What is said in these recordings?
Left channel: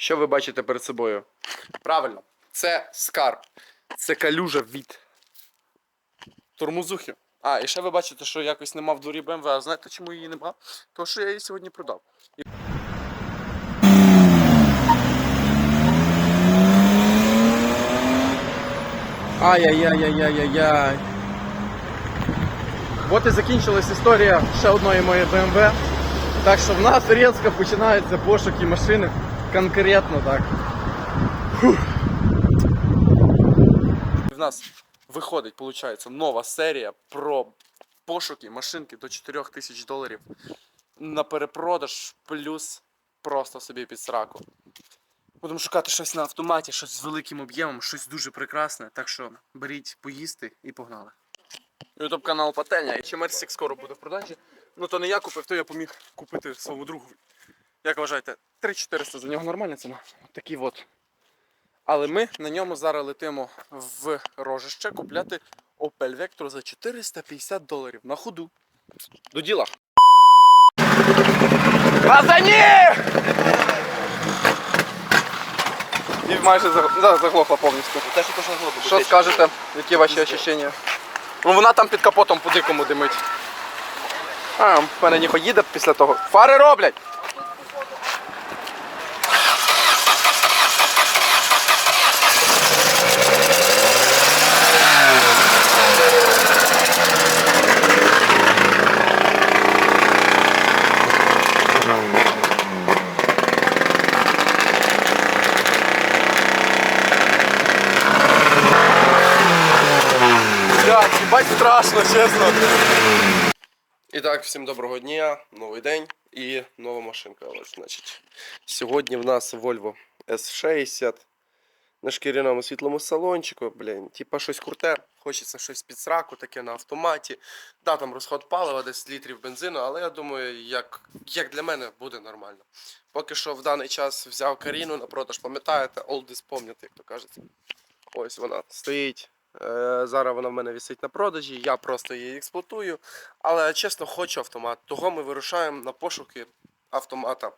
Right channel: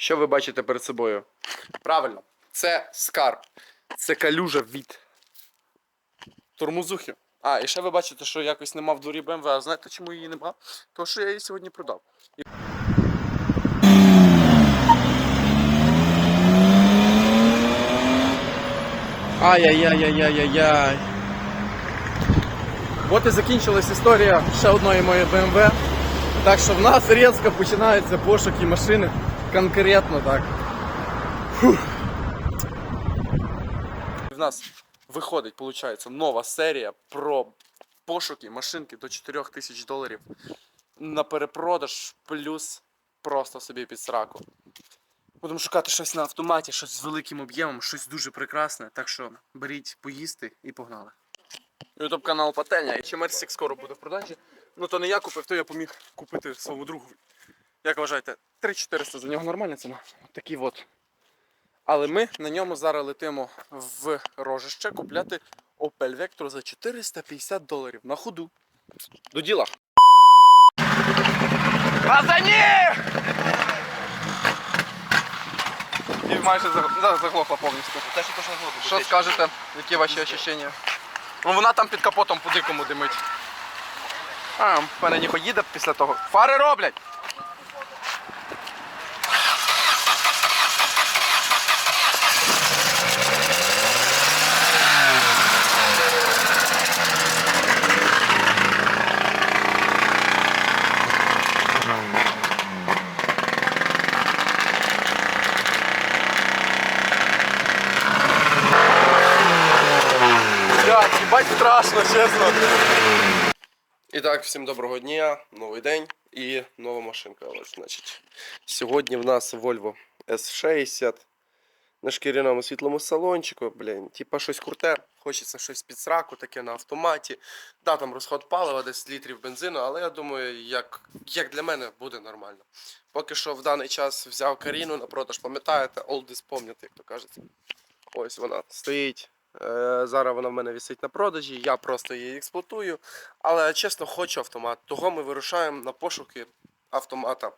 Що ви бачите перед собою? Правильно, це скарб. Це калюжа від тормозухи. А, і ще ви бачите, що якось нема в дворі BMW. А знаєте, чому її нема? Тому що я її сьогодні продав. Ай-яй-яй-яй-яй-яй. От і закінчилась історія ще одної моєї BMW. Так що в нас різко починаються пошуки машини. Конкретно так. Фух. В нас виходить, виходить, нова серія про пошуки машинки до 4 тисяч доларів на перепродаж плюс просто собі під сраку. Будемо шукати щось на автоматі, щось з великим об'ємом, щось дуже прекрасне. Так що беріть поїсти і погнали. Ютуб канал Пательня. І ще Мерсік скоро буде в продажі. Ну то не я купив, то я поміг купити своєму другу. Як вважаєте, 3400 за нього нормальна ціна. Такий от. Але ми на ньому зараз летимо в рожище купляти Opel Vectra за 450 доларів на ходу. До діла. Пацані! І майже заг- да, заглохла повністю. Те, що скажете? Які ваші ощущення? Ну вона там під капотом по дикому димить. А, в мене не поїде після того. Фари роблять! Блядь, їбать страшно, чесно. І так, всім доброго дня, новий день і нова машинка. Ось, значить. Сьогодні в нас Volvo S60 на шкіряному світлому салончику. Блін, типа щось круте. Хочеться щось під сраку, таке на автоматі. Да, там розход палива, десь літрів бензину, але я думаю, як, як для мене буде нормально. Поки що в даний час взяв Каріну на продаж, пам'ятаєте, олдис пам'ятаєте, як то кажеться. Ось вона стоїть. Е, Зараз вона в мене висить на продажі, я просто її експлуатую. Але чесно, хочу автомат. Того ми вирушаємо на пошуки автомата.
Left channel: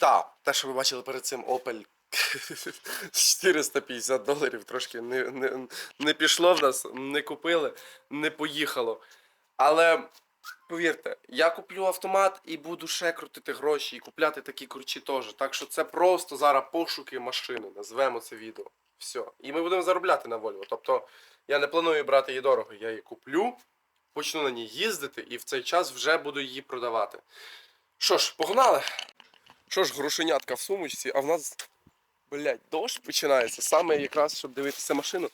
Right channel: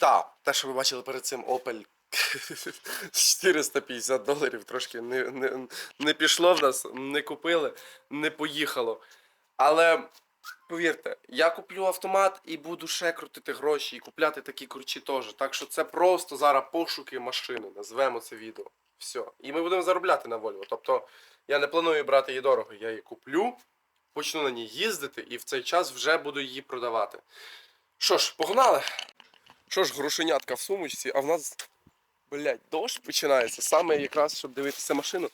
Да, те, що ви бачили перед цим Opel 450 доларів, трошки не, не, не пішло в нас, не купили, не поїхало. Але повірте, я куплю автомат і буду ще крутити гроші і купляти такі кручі теж. Так що це просто зараз пошуки машини, назвемо це відео. Все. І ми будемо заробляти на Volvo. Тобто я не планую брати її дорого. Я її куплю, почну на ній їздити і в цей час вже буду її продавати. Що ж, погнали? Що ж, грошенятка в сумочці, а в нас, блядь, дощ починається. Саме якраз, щоб дивитися машину,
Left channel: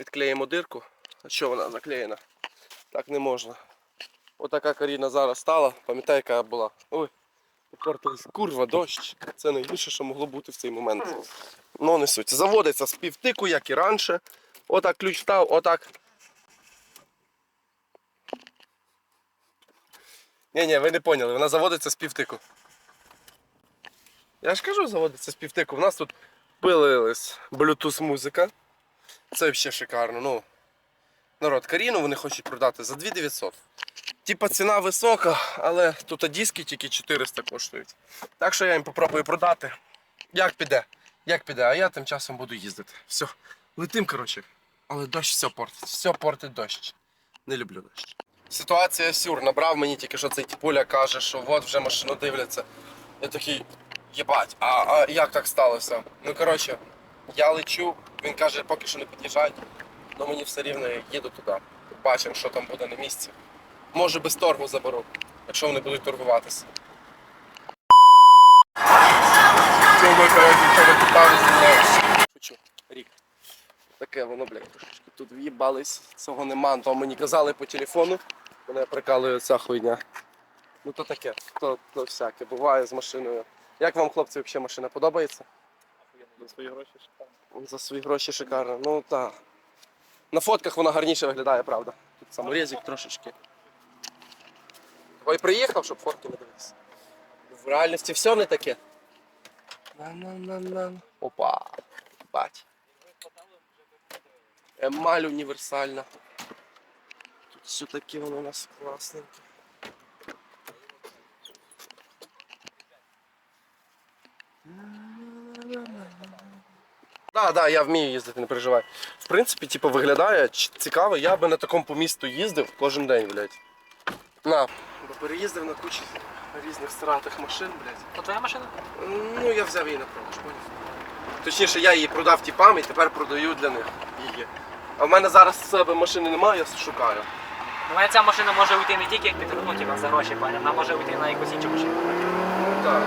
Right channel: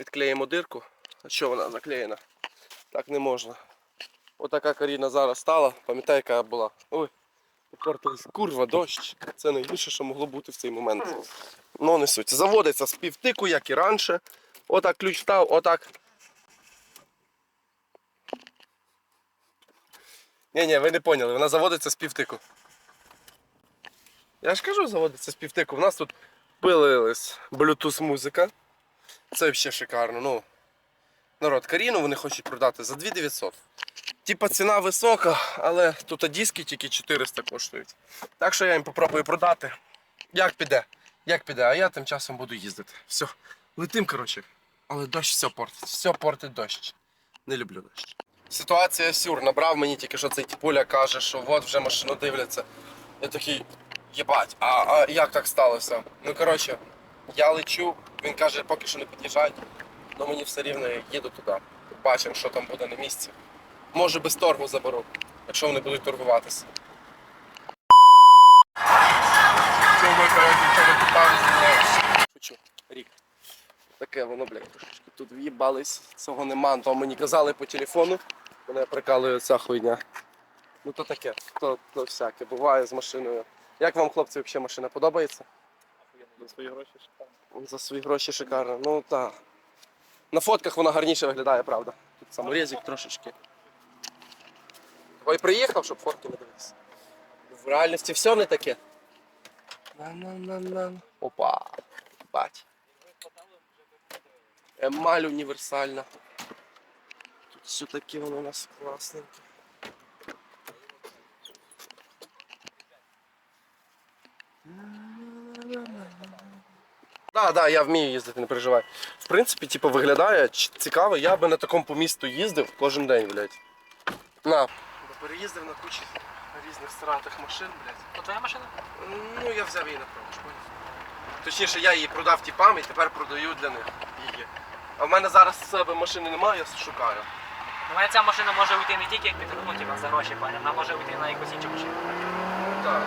відклеїмо дирку. А що вона заклеєна? Так не можна. Отака Каріна зараз стала, пам'ятаю, яка була. Ой, попортилась. Курва, дощ. Це найгірше, що могло бути в цей момент. Ну, не суть. Заводиться з півтику, як і раніше. Отак ключ встав, отак. Ні, ні, ви не поняли, вона заводиться з півтику. Я ж кажу, заводиться з півтику. У нас тут пилилась Bluetooth музика. Це взагалі шикарно. Ну, народ, Каріну вони хочуть продати за 2900. Типа ціна висока, але тут диски тільки 400 коштують. Так що я їм попробую продати. Як піде? Як піде, а я тим часом буду їздити. Все, летим, коротше. Але дощ все портить. Все портить дощ. Не люблю дощ. Ситуація сюр. Набрав мені тільки що цей тіпуля каже, що от вже машину дивляться. Я такий, єбать, а, а як так сталося? Ну коротше, я лечу, він каже, поки що не під'їжджають, але мені все рівно я їду туди. Бачимо, що там буде на місці. Може без торгу заберу, якщо вони будуть торгуватися. Шучу, рік. Таке воно, блядь, трошечки тут в'їбались, цього нема, то мені казали по телефону. Мене прикалує ця хуйня. Ну то таке, то, то всяке, буває з машиною. Як вам, хлопці, взагалі машина подобається? За свої гроші шикарно. За свої гроші шикарно. Ну так. На фотках вона гарніше виглядає, правда. Тут саморезик трошечки. Ой, приїхав, щоб фотки не дивитися. В реальності все не таке. На-на-на-на. Опа. Бать. Емаль універсальна. Тут все таке воно у нас класненьке. Да, да, я вмію їздити, не переживай. В принципі, типу, виглядає цікаво, я би на такому по місту їздив кожен день, блядь. На. Бо переїздив на кучі різних сратих машин, блядь. То твоя машина? Ну, я взяв її на продаж, поняв? Точніше, я її продав тіпам і тепер продаю для них її. А в мене зараз з себе машини немає, я шукаю. У мене ця машина може уйти не тільки як ти ну, типа, за гроші, пані, вона може уйти на якусь іншу машину. Ну так.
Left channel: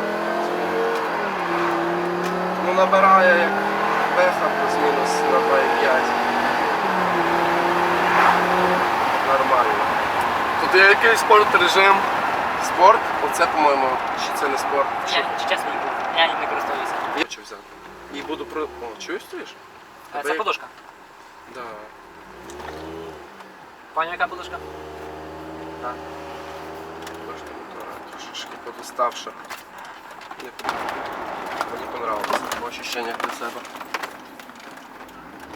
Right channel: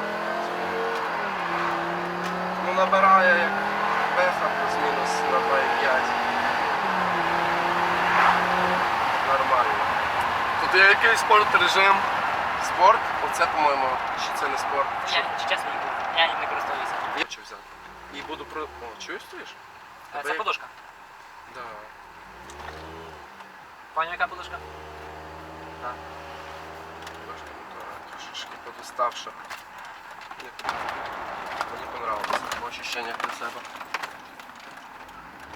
Ну набирає як беха плюс-мінус на 2,5. Нормально. Тут є якийсь спорт режим. Спорт? Оце, по-моєму, чи це не спорт? Я, чесно. Я ним не користуюся. Я що взяти? І буду про. О, чуєш стоїш? А, Це як- подушка. Да. Пані, яка подушка? Так. Бачите, мотора трошечки подуставша. Не Мені понравилось. По ощущениях для себе.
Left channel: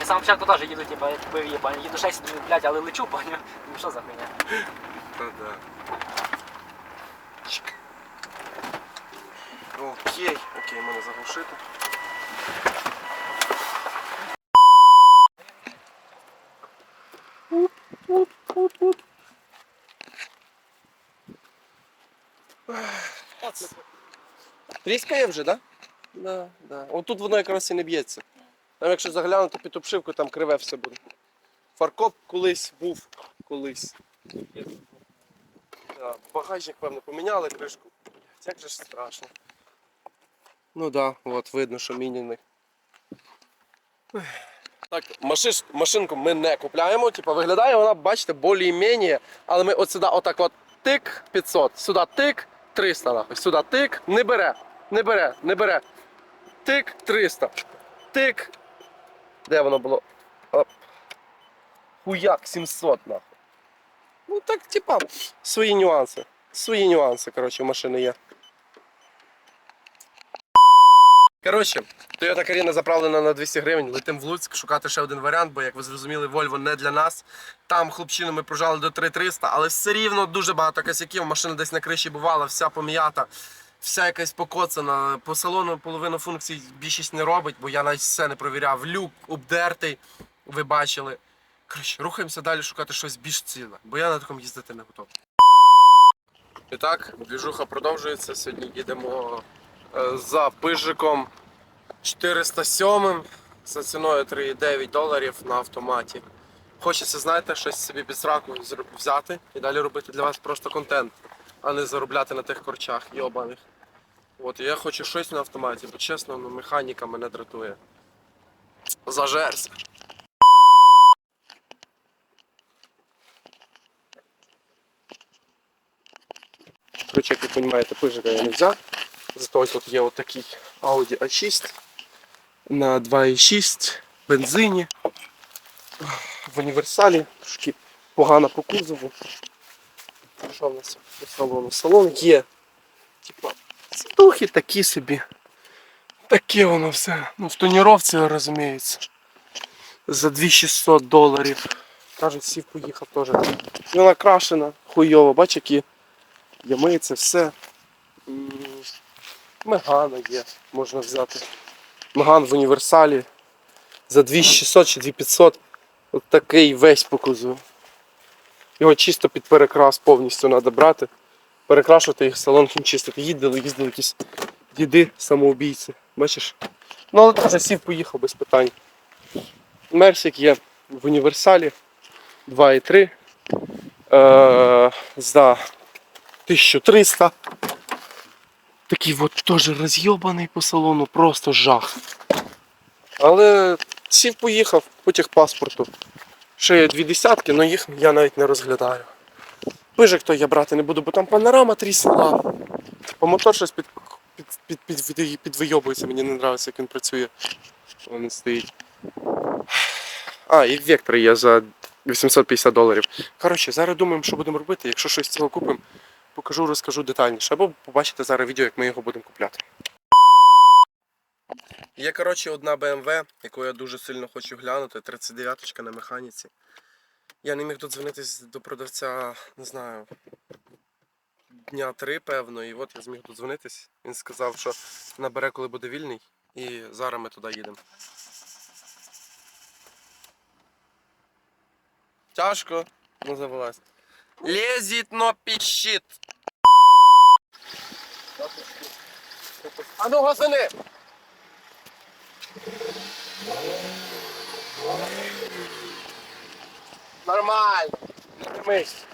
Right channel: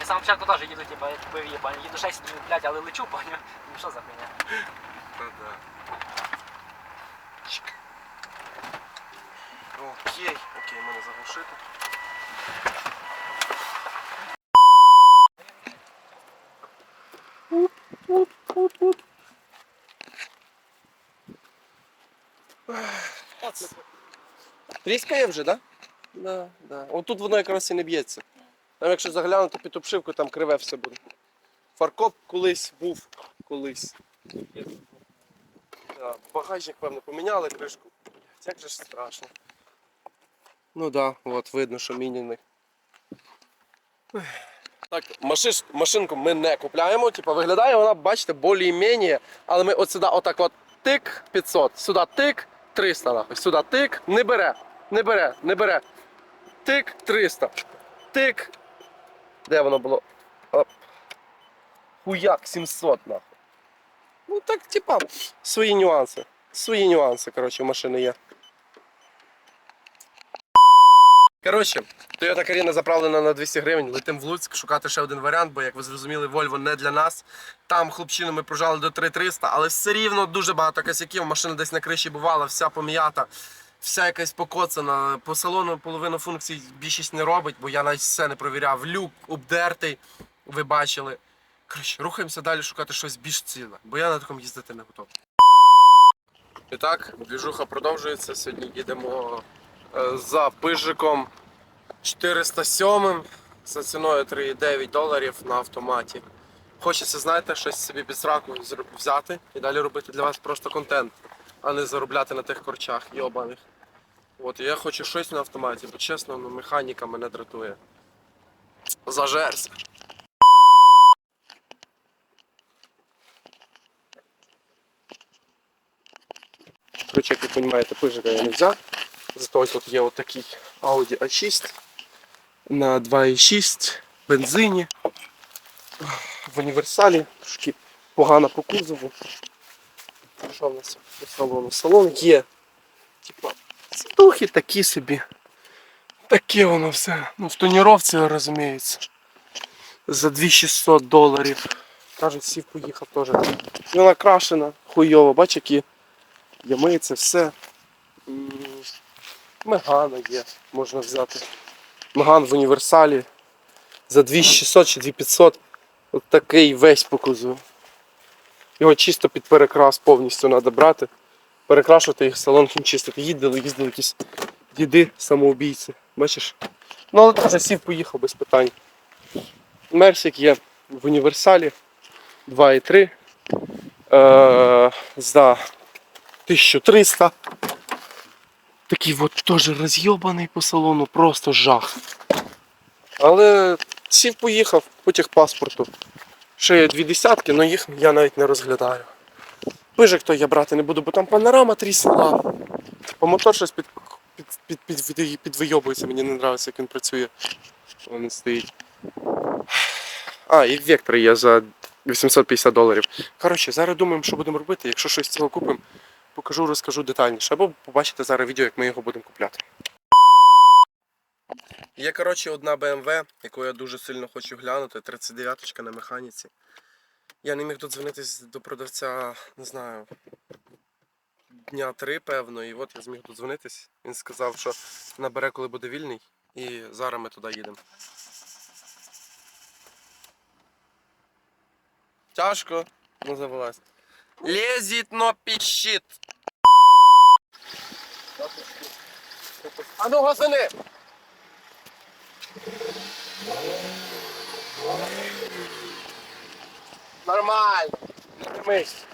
Сам початку теж їду, типа, я купив її, пані. Їду 6 думаю, блядь, але лечу, пані. Ну що за хуйня? Та да. Чик. Окей, окей, мене заглушити. Тріскає вже, так? Да? Да, да. Отут воно якраз і не б'ється. Там якщо заглянути під обшивку, там криве все буде. Фаркоп колись був, колись. Да, багажник, певно, поміняли кришку. Як же ж страшно. Ну так, да, от видно, що міняний. Так, машиш, машинку ми не купляємо. Типа виглядає вона, бачите, більш-менш, але ми от сюди отак от тик 500, сюди тик 300 нахуй, сюди тик, не бере, не бере, не бере. Тик 300. Тик. Де воно було? Оп. Хуяк 700 нахуй. Ну так, типа, свої нюанси. Свої нюанси, коротше, машини є. Коротше, Toyota Carina заправлена на 200 гривень. Летим в Луцьк шукати ще один варіант, бо як ви зрозуміли, Volvo не для нас. Там хлопчину ми прожали до 3300, але все рівно дуже багато косяків. Машина десь на криші бувала, вся пом'ята, вся якась покоцана. По салону половину функцій більшість не робить, бо я навіть все не провіряв. Люк обдертий, ви бачили. Коротше, рухаємося далі шукати щось більш ціле, бо я на такому їздити не готовий. І так, двіжуха продовжується. Сьогодні їдемо е, за пижиком 407 за ціною 3,9 доларів на автоматі. Хочеться, знаєте, щось собі під сраку взяти і далі робити для вас просто контент, а не заробляти на тих корчах йобаних. От, я хочу щось на автоматі, бо чесно, ну, механіка мене дратує. Зажерся. Короче, як ви розумієте, пижика я не взяв. Зато тут є отакий Audi A6 на 2,6 бензині. В універсалі, трошки погано по кузову. Що в нас по салону? Салон є. Типа, сидухи такі собі. Таке воно все. Ну, в тоніровці, розуміється. За 2600 доларів. Кажуть, сів поїхав теж. Вона крашена, хуйово, бач, які ями, це все. Мегана є, можна взяти. Меган в універсалі за 2600 чи 2500. От такий весь по кузову. Його чисто під перекрас повністю треба брати. Перекрашувати їх салон хімчистити. Їздили, їздили якісь діди самоубійці. Бачиш? Ну але теж сів поїхав без питань. Мерсик є в універсалі 2,3 е, за 1300. Такий от теж розйобаний по салону, просто жах. Але сів поїхав по техпаспорту. Ще є дві десятки, але їх я навіть не розглядаю. Пижик то я брати не буду, бо там панорама тріснула. По мотор щось під, під, під, під, під, підвийобується, мені не подобається, як він працює. Він стоїть. А, і вектор є за 850 доларів. Коротше, зараз думаємо, що будемо робити. Якщо щось цього купимо, покажу, розкажу детальніше. Або побачите зараз відео, як ми його будемо купляти. Є, коротше, одна BMW, яку я дуже сильно хочу глянути, 39-ка на механіці. Я не міг додзвонитись до продавця, не знаю, дня три, певно, і от я зміг додзвонитись. Він сказав, що набере, коли буде вільний, і зараз ми туди їдемо. Тяжко, ну завелась. Лезет, но пищит. А ну, газани! Нормально. Не димись.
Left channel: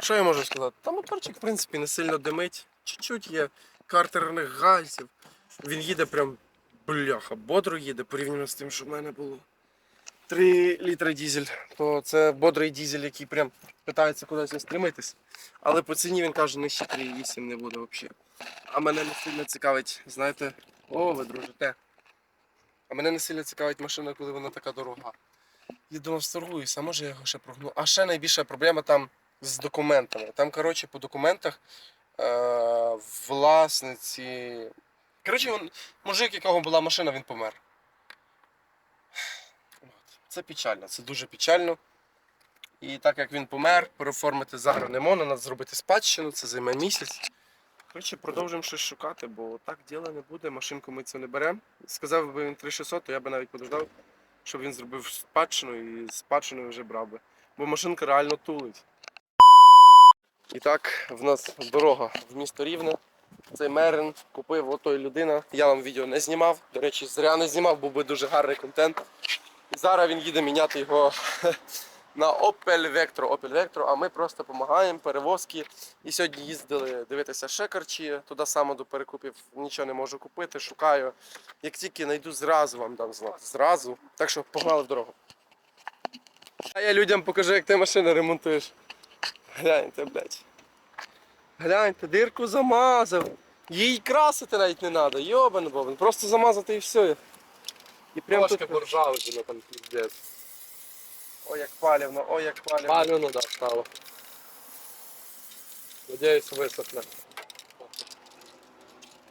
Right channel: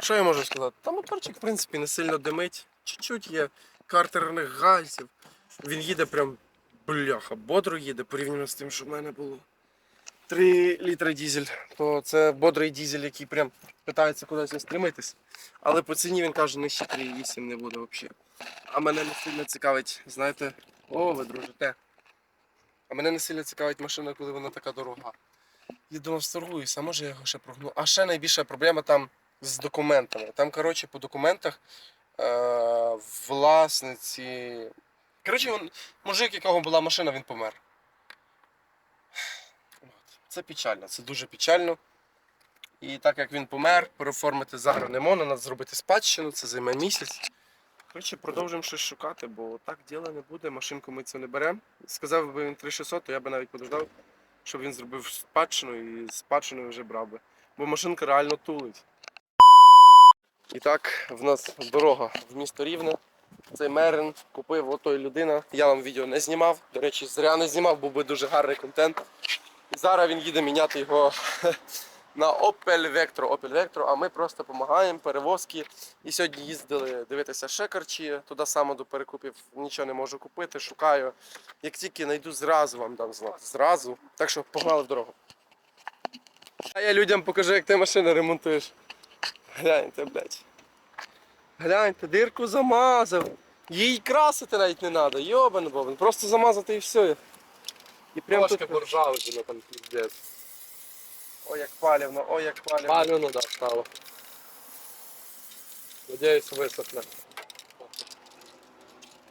Що я можу сказати? Та моторчик, в принципі, не сильно димить. Чуть-чуть є картерних гальців. Він їде прям бляха, бодро їде порівняно з тим, що в мене було. 3 літри дізель, то це бодрий дізель, який прям питається кудись стримитись. Але по ціні він каже, нижче 3,8 не буде взагалі. А мене не сильно цікавить, знаєте, о, ви дружите. А мене не сильно цікавить машина, коли вона така дорога. Я думав, сторгуюся, а може я його ще прогну. А ще найбільша проблема там з документами. Там, коротше, по документах е- власниці. Коротше, він, мужик, якого була машина, він помер. Це печально, це дуже печально. І так як він помер, переоформити зараз не можна, треба зробити спадщину, це займе місяць. Коротше, продовжуємо щось шукати, бо так діла не буде, машинку ми цю не беремо. Сказав би він 3600, то я би навіть подождав, щоб він зробив спадщину і спадщиною вже брав би. Бо машинка реально тулить. І так, в нас дорога в місто Рівне. Цей Мерин купив отой людина. Я вам відео не знімав. До речі, зря не знімав, був би дуже гарний контент. І зараз він їде міняти його на Opel Vectro. Opel Vectro, а ми просто допомагаємо перевозки. І сьогодні їздили дивитися шекарчі, туди саме до перекупів нічого не можу купити, шукаю. Як тільки знайду, зразу вам дам знати. Зразу. Так що погнали в дорогу. А я людям покажу, як ти машину ремонтуєш. Гляньте, блядь. Гляньте, дирку замазав. Їй красити навіть не треба, йобан бобан. Просто замазати і все. І прям Трошки тут... буржуазина там піздець. Ой, як палівно, ой, як палівно. Палено, да, стало. Надіюсь, висохне.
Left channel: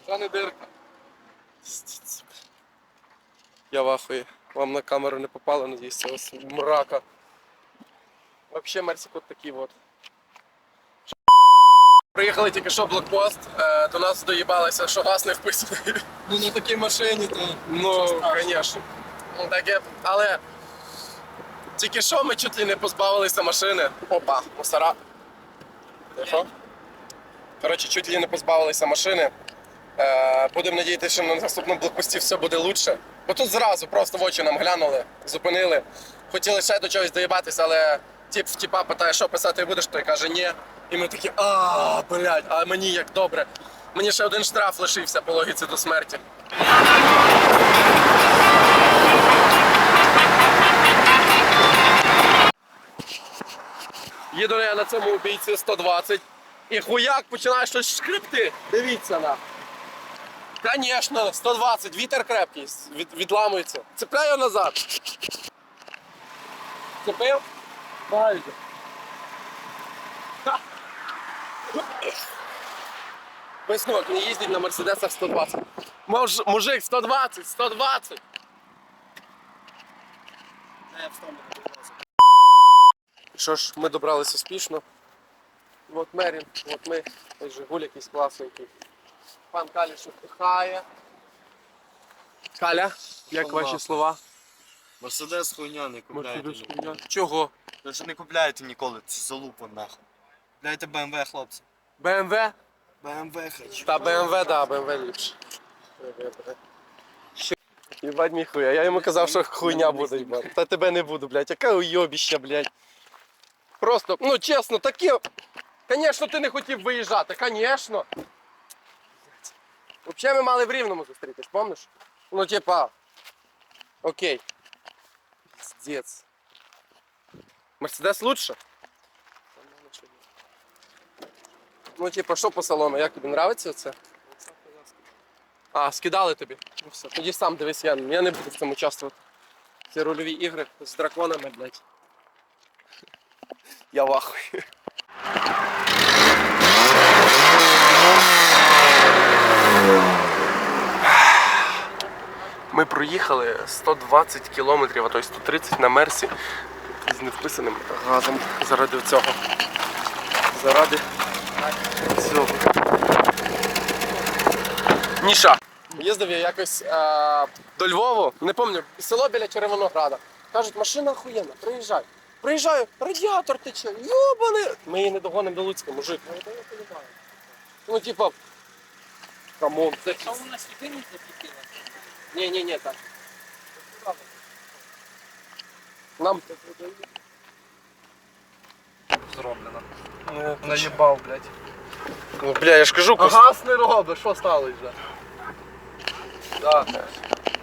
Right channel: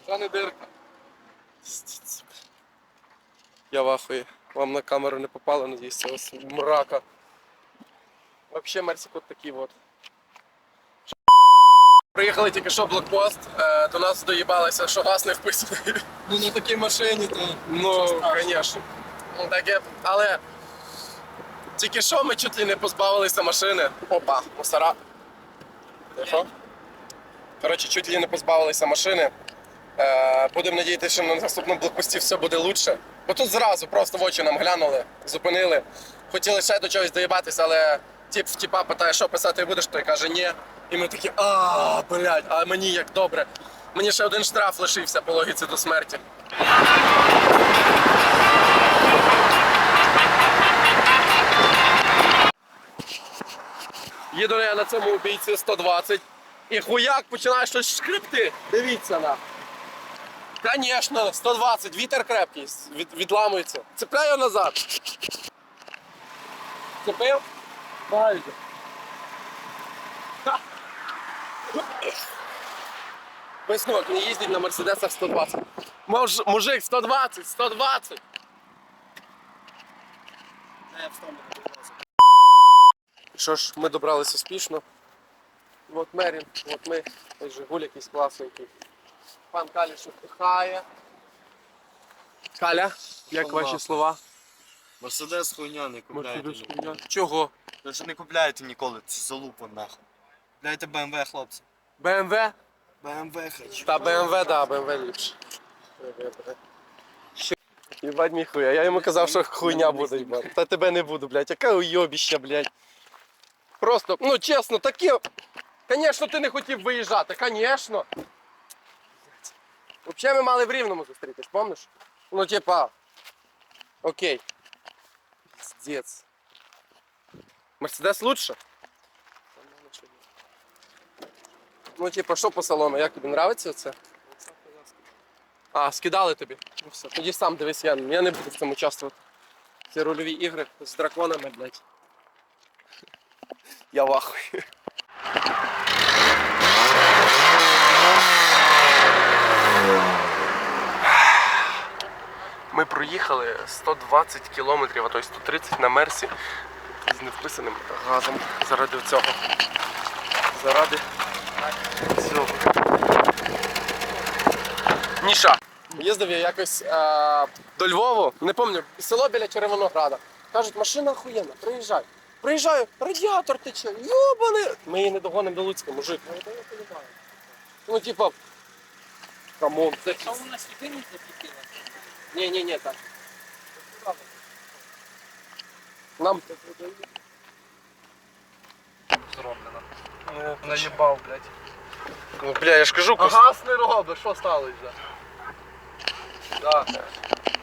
Та не дирка. Я в ахуї. Вам на камеру не попало, надіюсь, цього с- мрака. Вообще Мерсик от такий от. Приїхали тільки що блокпост, е, до нас доїбалися, що газ не вписаний. Ну на такій машині то. Ну, звісно. Ну, таке, але тільки що ми чуть ли не позбавилися машини. Опа, мусора. Тихо. Коротше, чуть ли не позбавилися машини. Е, будемо надіятися, що на наступному блокпості все буде лучше. Бо тут зразу просто в очі нам глянули, зупинили. Хотіли ще до чогось доїбатися, але тип в тіпа питає, що писати будеш, той каже ні. І ми такі, а, блядь, а мені як добре. Мені ще один штраф лишився по логіці до смерті. Їду я на цьому убійці 120. І хуяк починає щось шкрипти. Дивіться на. Конечно, 120, вітер крепкий, від, відламується. Цепляю назад. Цепив? Ха. Висновок, не їздить на мерседесах 120. Муж, мужик, 120, 120. Що ж, ми добралися успішно. От Мерін, от ми, ось Жигуль якийсь класненький. Пан Каліш вдихає. Каля, як Слова. ваші слова? Мерседес хуйня не купляйте. Мерседес ніколи. хуйня. Чого? Даже не купляйте ніколи, це залупа нахуй. Купляйте BMW, хлопці. БМВ? BMW хочу. Та БМВ, да, БМВ ліпше. Їбать мій хуя. Я йому казав, що хуйня буде, їбать. Та тебе не буду, блядь. Яке уйобіще, блядь. Просто, ну чесно, таке. Звісно, ти не хотів виїжджати, звісно. Взагалі ми мали в Рівному зустрітись, помниш? Ну, типа. Окей. Пиздец. Мерседес лучше? Ну, типа, що по салону? Як тобі нравиться це? А, скидали тобі. Ну все. Тоді сам дивись, я, я не буду в цьому участвувати. Ці рольові ігри з драконами, блядь. Я в ахуї. Ми проїхали 120 кілометрів, а то й 130 на мерсі з невписаним газом заради цього. Заради цього. Ніша. Їздив я якось е, до Львову, не пам'ятаю, село біля Червонограда. Кажуть, машина охуєнна, приїжджай. Приїжджаю, радіатор тече, йобаний. Ми її не догонимо до Луцька, мужик. Ну. Ну, типа, камон, це Що вона сюди не запітила? Ні, ні, ні, так. Нам Зроблено. Наїбав, блядь. Ну, бля, я ж кажу, А газ не робить, що стало вже? Да.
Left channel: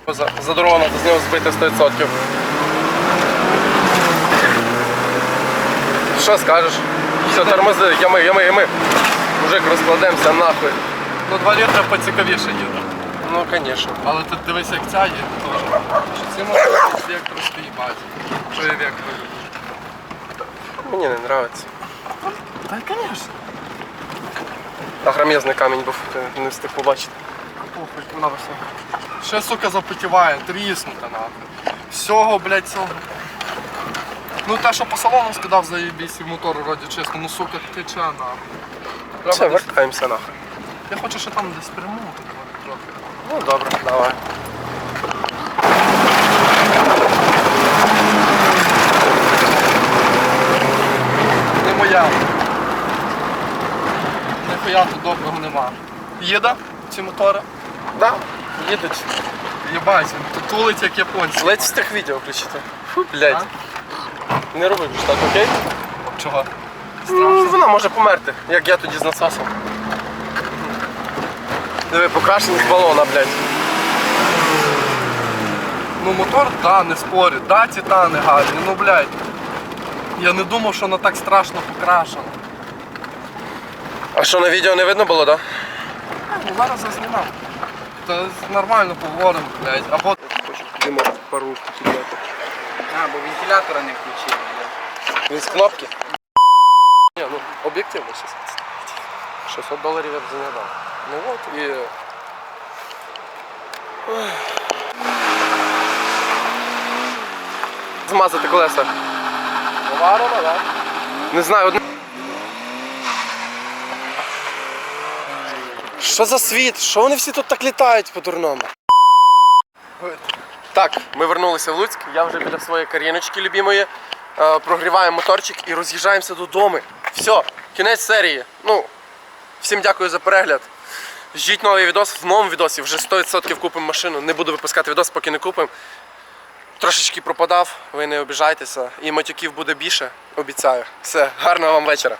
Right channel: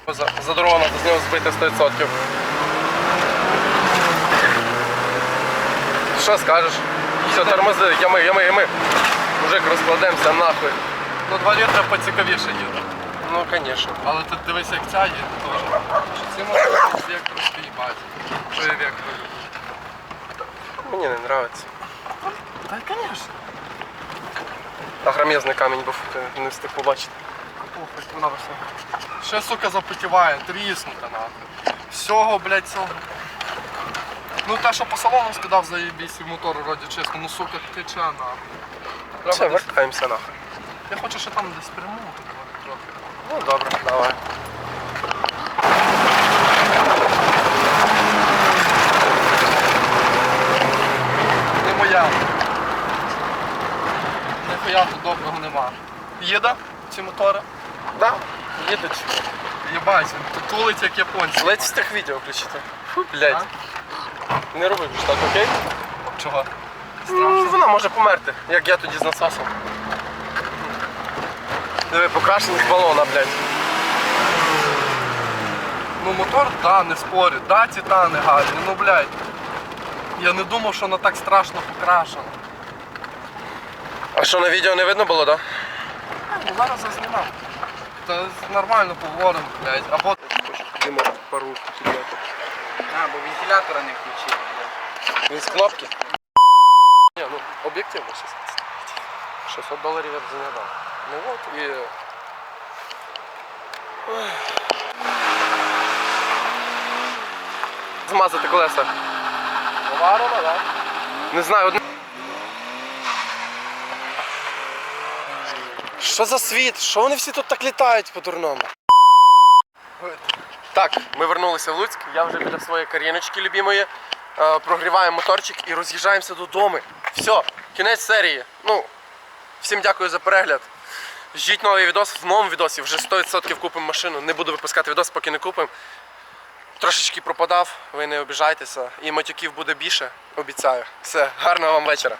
За, за дорогу з нього збити 100%. Що скажеш? Все, тормози, ями, ями, ями. Мужик, розкладемося нахуй. Ну 2 літра поцікавіше їде. Ну, звісно. Але ти дивись, як ця їде теж. Що мотори з вектор їбать. Що я люблю. Мені не подобається. Та звісно. Агромезний камінь був, не встиг побачити. Похуй, вона все. Ще, сука, запотіває, тріснута нахуй. Всього, блядь, цього. Ну те, що по салону скидав заєбісь, і мотор вроді чесно, ну сука, тече нахуй. Все, Треба десь... вертаємося нахуй. Я хочу ще там десь перемогти трохи. Ну, добре, давай. Не моя. Ніхуя тут доброго нема. Їде ці мотори? Да, їдуть. Єбать, тут тулить як японці. Ледь встиг відео включити. Фу, блядь. Не роби ж так, окей? Чого? Ну, вона може померти, як я тоді з насосом. Диви, покрашений з балона, блядь. Ну мотор, да, не спорю, да, титани гарні, ну блядь. Я не думав, що воно так страшно покрашено. А що на відео не видно було, так? А, ну зараз зазнімав. Та нормально поговоримо, блядь. Або Хочу Диму пару підняти. А, бо вентилятора не включили. Він з кнопки? Ні, ну об'єктивно 600. 600 доларів я б за. Ну от і. Ой. Змазати колеса. Поварова, да? Не знаю, одне. Що за світ? Що вони всі тут так літають по-дурному? Так, ми вернулися в Луцьк. Я вже біля своєї кар'єночки любимої. Е, прогріваємо моторчик і роз'їжджаємося додому. Все, кінець серії. Ну, всім дякую за перегляд. Ждіть новий відос. В новому відосі вже 100% купимо машину. Не буду випускати відос, поки не купимо. Трошечки пропадав, ви не обіжайтеся. І матюків буде більше, обіцяю. Все, гарного вам вечора.